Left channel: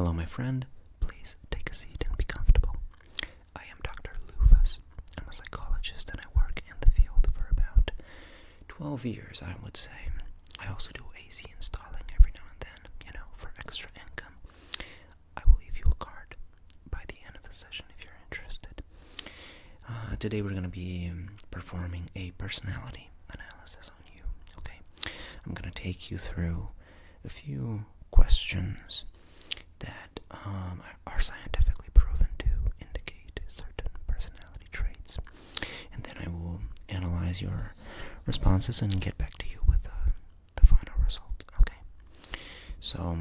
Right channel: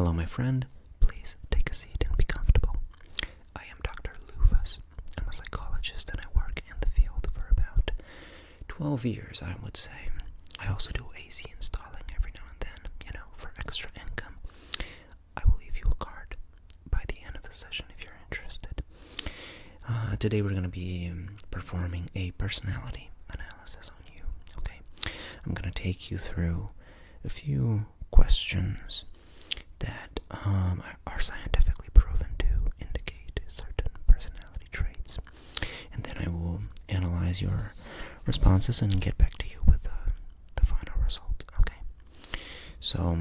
Hello, my friend. Please take a seat and be comfortable. I am Dr. Luvas. I'm a psychologist and I work in the field for about 12 years, I would say. I also do AC installing every now and then, for extra income. I will leave you a card by the end of the session if you're interested. Today we're going to be performing a personality analysis on you, okay? I'm going to take you through a few questions that are scientifically proven to indicate certain personality traits. And then I will analyze your responses and get back to you with the final result, okay? So,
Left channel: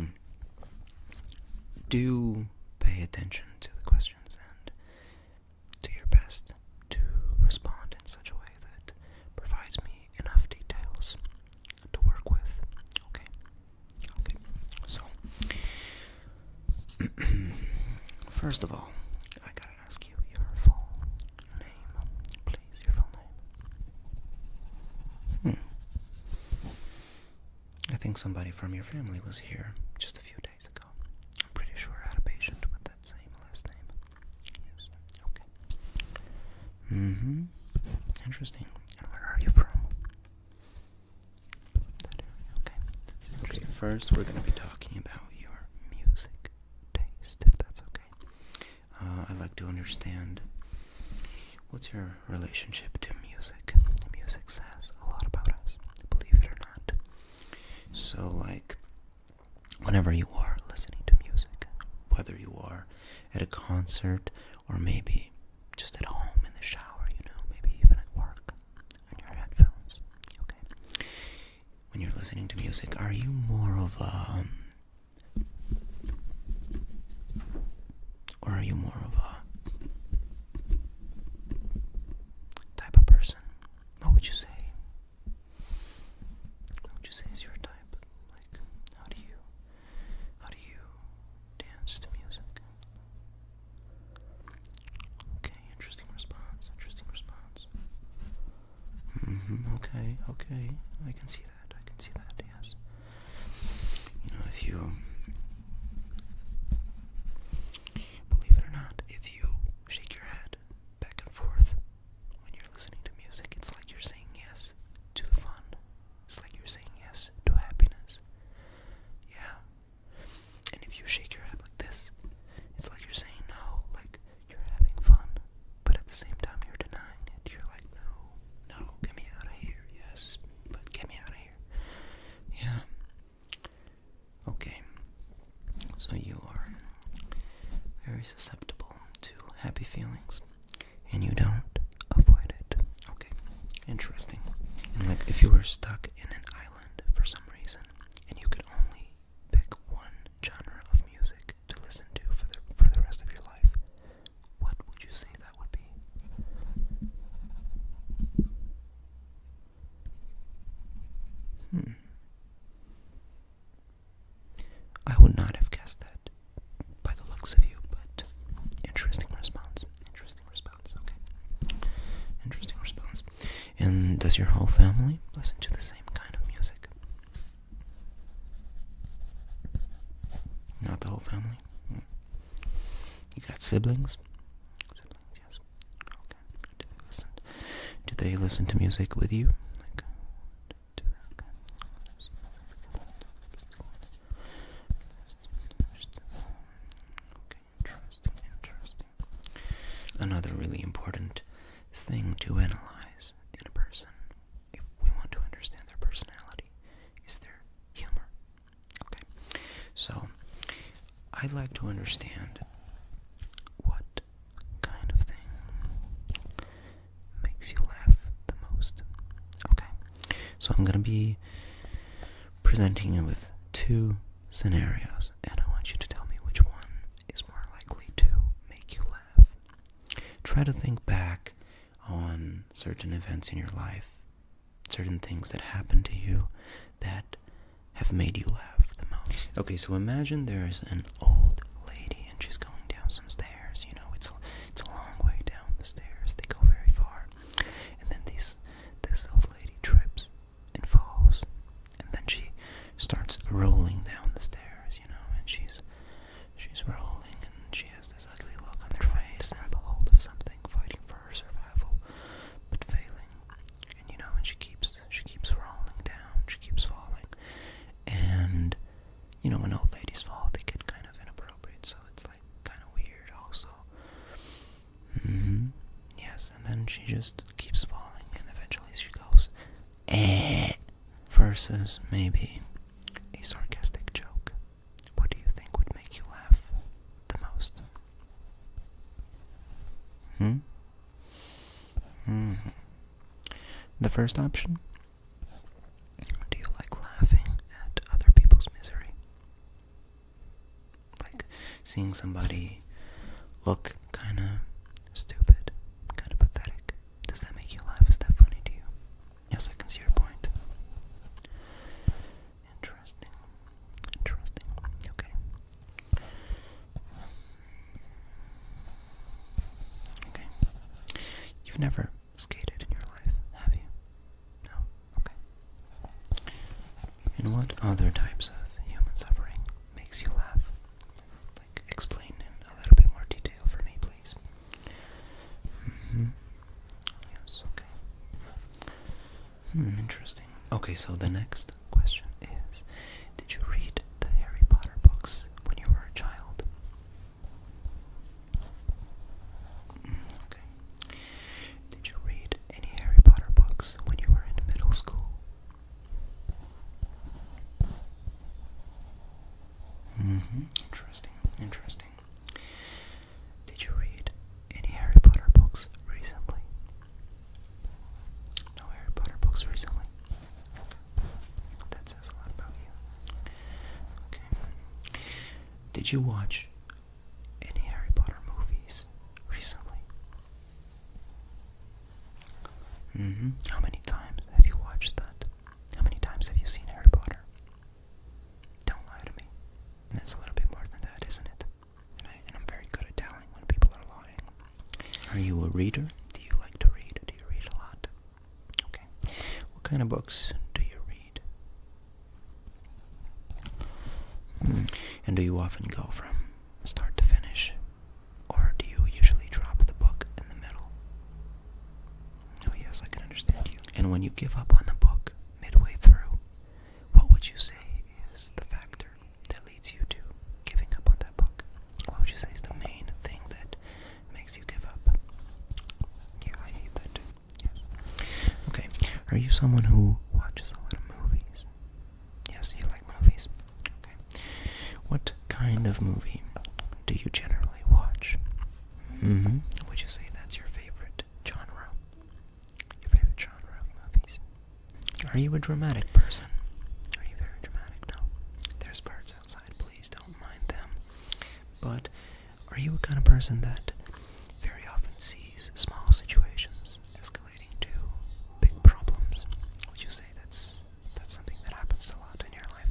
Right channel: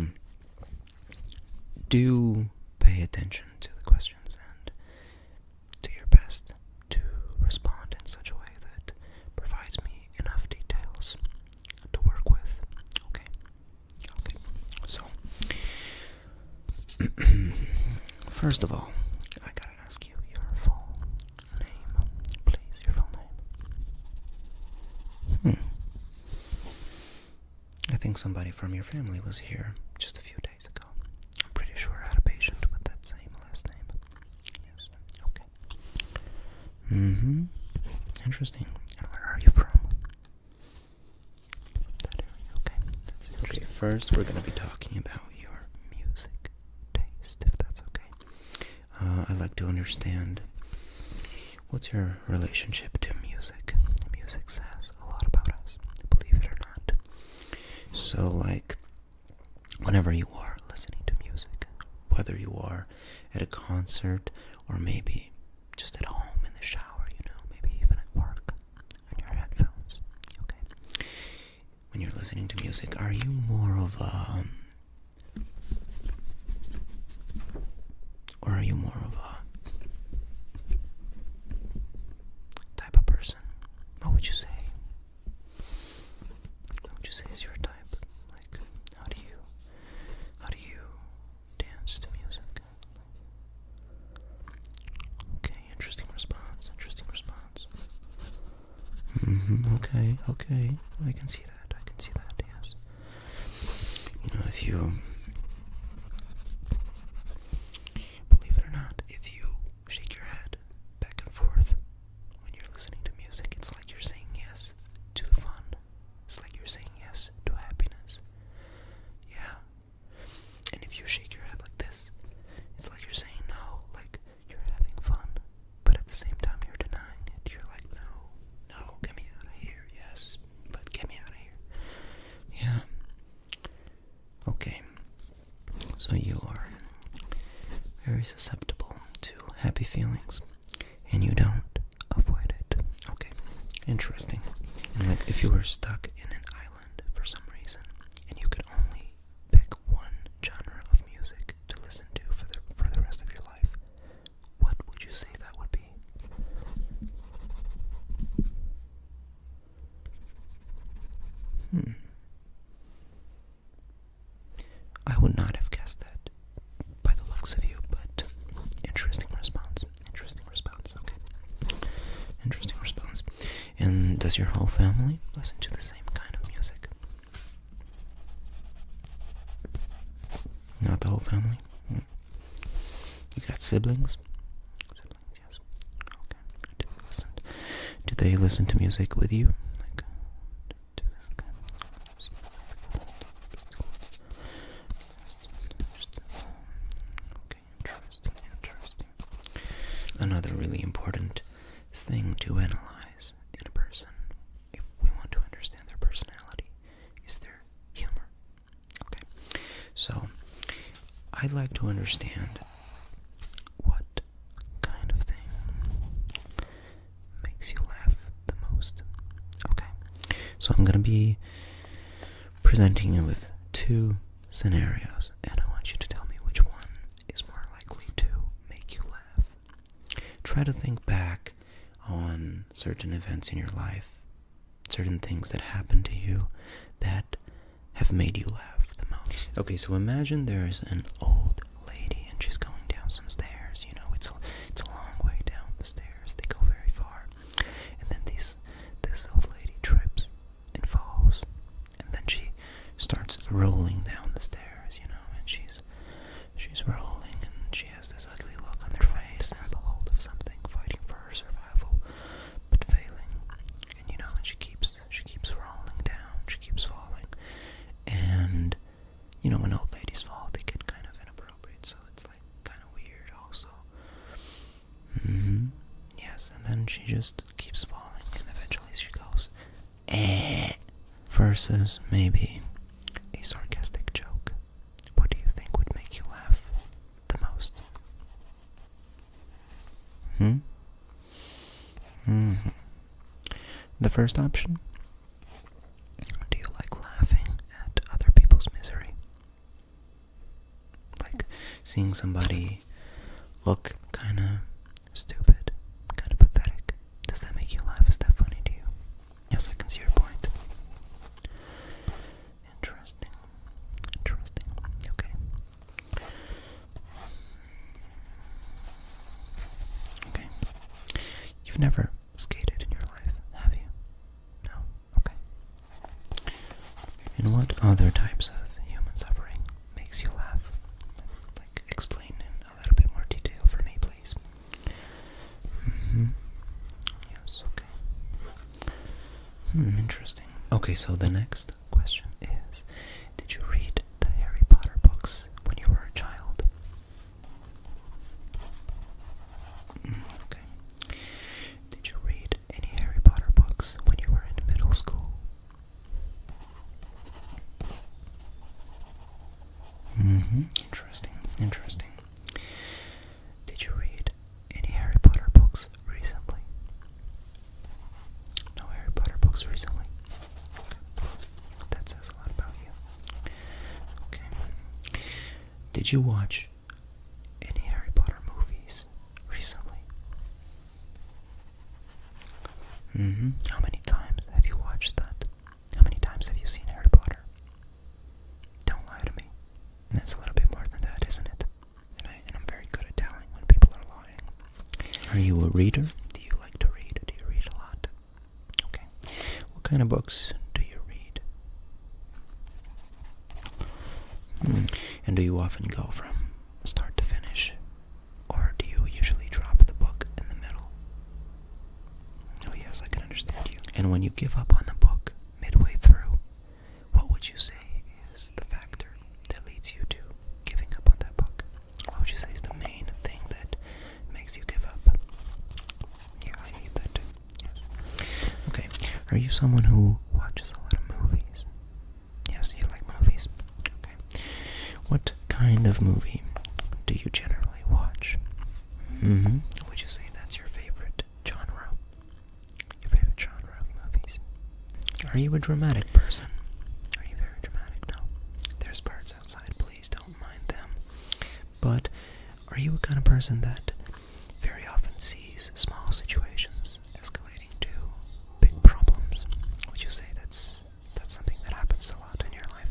do pay attention to the questions and do your best to respond in such a way that provides me enough details to work with, okay? Okay, so, first of all, I gotta ask you your full name, please, your full name. I think somebody from your family was here just a few days ago. I'm pretty sure I had a patient with that same last name. Yes, okay. Interesting. And where are you from? That area, okay. That's interesting. Okay, first we're gonna be talking about your music taste, if that's okay. I'd like to understand, what's your relationship to music? Music says a lot about us, believe it or not. So, whenever you are listening to music, whether you are at a concert or maybe just at home in the shower, maybe even at work on your headphones, okay? When you're listening to music, are you more of a type of person? What would you say? What would you say is your type? How do you dance to music? Okay, interesting response. Okay, I can see that, yes. If you, believe it or not, if you shake your head back and forth when you're listening to music, it's like you're saying yes to the fun. It's like you're saying yes to happiness. Yeah. And if you shake your head like this, it's like you're saying no, like you're having fun, but at the same time you're denying it. You're like, no, get me out of here. Yes, but get me out of here. Yeah. Okay. So you are very susceptible to happy feelings, and you don't avoid it. Okay. Interesting. And if you were stuck in an island for some reason, and you could only pick one genre of music to listen to for the rest of your life, what would you say that would be? I would not have guessed that by the looks of you, but interesting response, okay. Interesting response. And does your whole family listen to the same kind of music? Not the whole family? You got siblings? Siblings, yes. Okay. Do they listen to music with you? Interesting. Another really important thing to analyze in a person, if we want to understand their personality, is their humor. Okay, so I'd like to understand what kind of thing makes you laugh the most. Okay, so I'm going to be presenting you with two scenarios, and I want you to tell me which one is more likely to make you laugh. Try to think back on certain events in your life, certain things that happened to you that have made you laugh the most. Okay, so imagine there's an old lady and she's going down some stairs. It's a long way down the stairs. They go very far. And then this old lady trips and falls. And then she starts rolling down the stairs, and she's just keeps falling and eventually she goes, eh, versus maybe a sarcastic joke. What do you think would make you laugh the most? The first option? Do you like laughing at other people's misery? Like seeing somebody look kinda stupid, kinda pathetic. Does that make you laugh? Is that funny to you? Yes, I can see your point. Interesting. Okay. Okay. You've never skated in your life, have you? No? Okay. And what other types of human suffering makes you laugh? Like, explain in a little bit more detail for me, please. Yes, okay. Interesting. Okay, so the next question is, did you read the Harry Potter books when you were a child? Okay. Did you read any Harry Potter books when you were in middle school? Interesting. Did you read any Harry Potter books recently? No Harry Potter books recently? Okay. That says a lot about you. Okay. Did you watch any Harry Potter movies recently? How many times have you watched that? How many times have you seen Harry Potter? Don't lie to me. That's a little bit more than that, isn't it? And I'm very good at telling when people are lying. Are you a reader? Do you like to read? Do you read a lot? Okay. What kind of books do you read? And do you often go from start to finish? Or do you usually drop the book in the middle? Oh yes, I can understand you. And when you give up on the book midway through, what would you say is the factor that leads you to giving up on that book? What would you say is the main thing that makes you give up? Yeah, I hate that too. Yes. Okay. Are you someone who watches a lot of movies? Yes, you like movies. Okay. What kind of movie do you generally watch? Would you say that's your favorite genre? Your favorite genre of movies? Are you a dramatic person? Are you very dramatic? No. There's birds outside, please don't mind them. But are you a kind of person that very often sees small situations escalating to big problems? Would you say that's something that happens a lot in your life?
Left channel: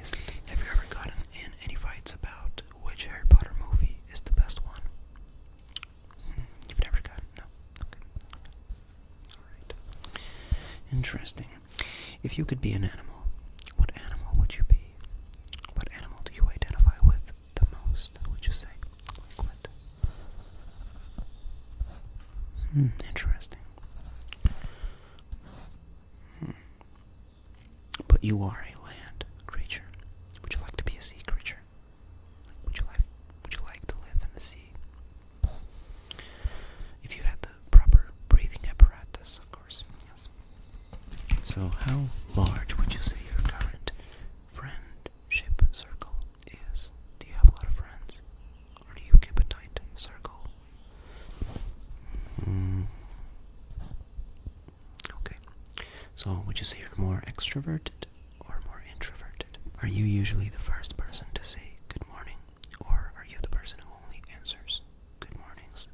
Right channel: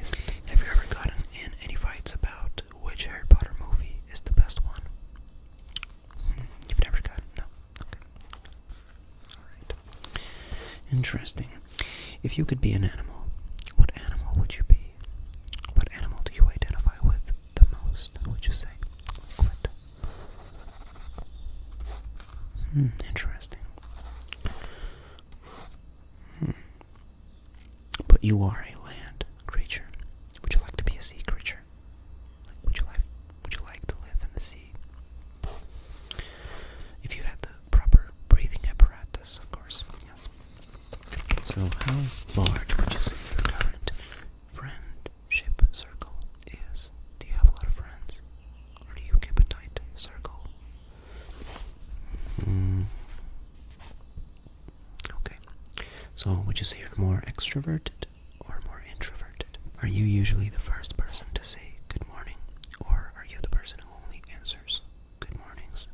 Is it? Have you ever gotten in any fights about which Harry Potter movie is the best one? You've never gotten? No. Okay. Alright. Interesting. If you could be an animal, what animal would you be? What animal do you identify with the most, would you say? Like what? Interesting. But you are a land creature. Would you like to be a sea creature? Like, would you like to live in the sea? If you had the proper breathing apparatus, of course, yes. So how large would you say your current friendship circle is? Do you have a lot of friends? Or do you keep a tight circle? Okay. So would you say you're more extroverted or more introverted? Are you usually the first person to say good morning? Or are you the person who only answers good mornings?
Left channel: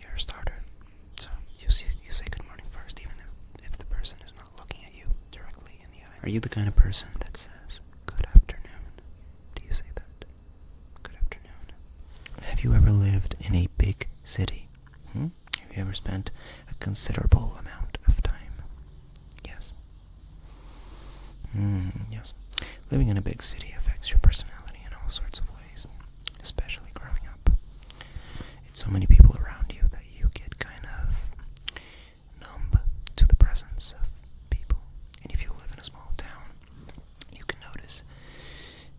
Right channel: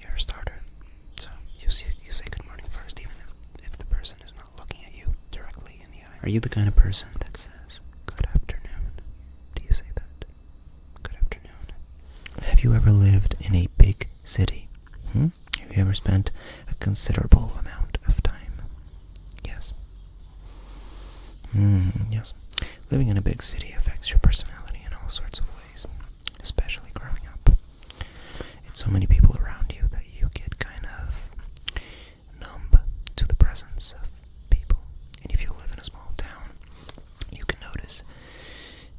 You're a starter. So you say good morning first, even if the person is not looking at you directly in the eye. Are you the kind of person that says good afternoon? Do you say that? Good afternoon. Have you ever lived in a big city? Have you ever spent a considerable amount of time? Yes. Yes. Living in a big city affects your personality in all sorts of ways, especially growing up. It's so many people around you that you get kind of numb to the presence of people. And if you live in a small town, you can notice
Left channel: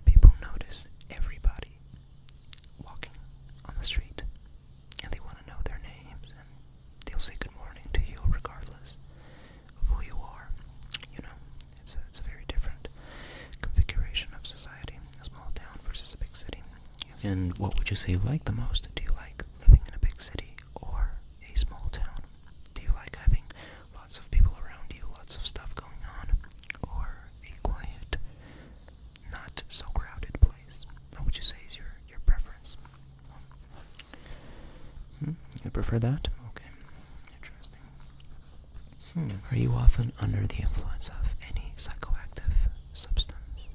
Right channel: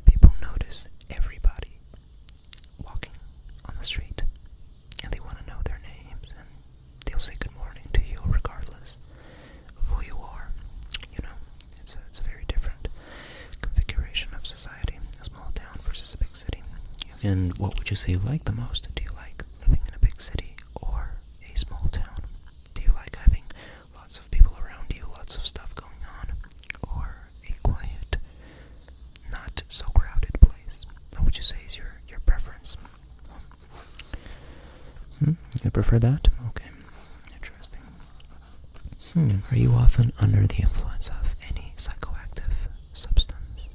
people notice everybody walking on the street. And what would you say you like the most? Do you like living in a big city or a small town? Do you like having lots of people around you, lots of stuff going on, or a quiet, not so crowded place? What would you say is your preference? You prefer that? Okay, interesting. Are you often under the influence of any psychoactive substance?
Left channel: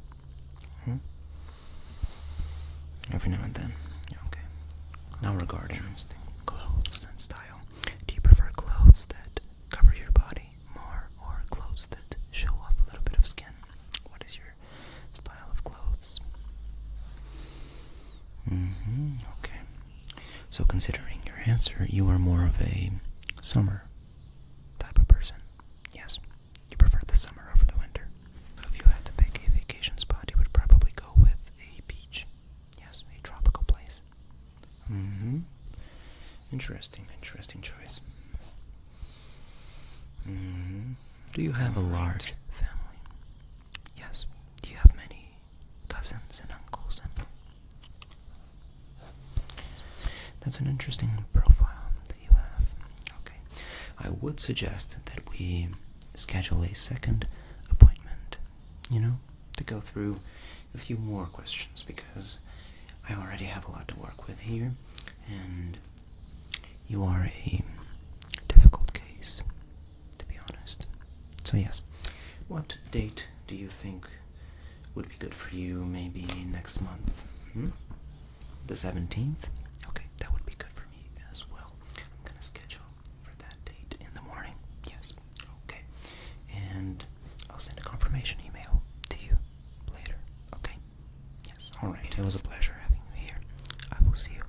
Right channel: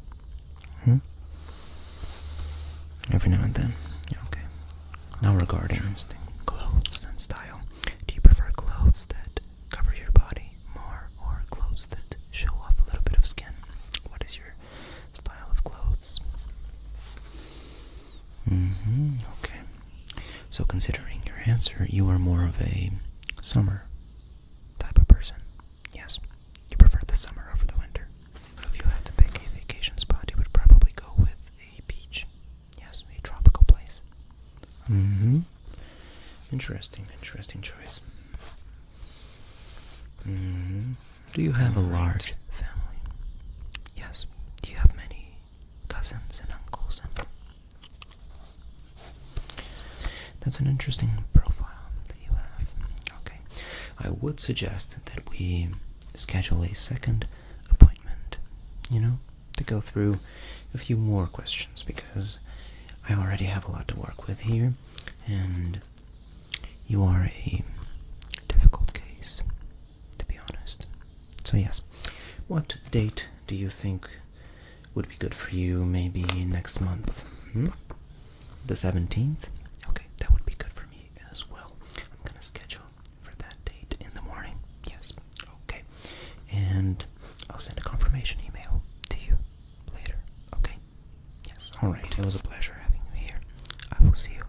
Every now and then. Yeah, okay. Now regarding clothes and style, do you prefer clothes that cover your body more or clothes that show off a little bit of skin? What is your style of clothes? Okay. So considering your answer, you are more of a summer type of person. Yes, you prefer the summer over the winter. If you had to pick a vacation spot, you would probably go with a beach. Yes, a tropical place. Interesting choice. Do you have a large family? Yes. Do you have many cousins and uncles? That's an interesting profile that you have. Okay. I would suggest that we schedule a second appointment, to go through a few more questions, because I already have a lot to work with here, and you are a difficult case, to be honest. So yes, what date do you think would be good for you? Maybe next month? The 17th? Okay, that would be good for me as well. I'm gonna schedule for that date in the morning. Yes, okay. And I'll send a confirmation email to you later, okay? Yes, alright. It was a pleasure having you here. I will see you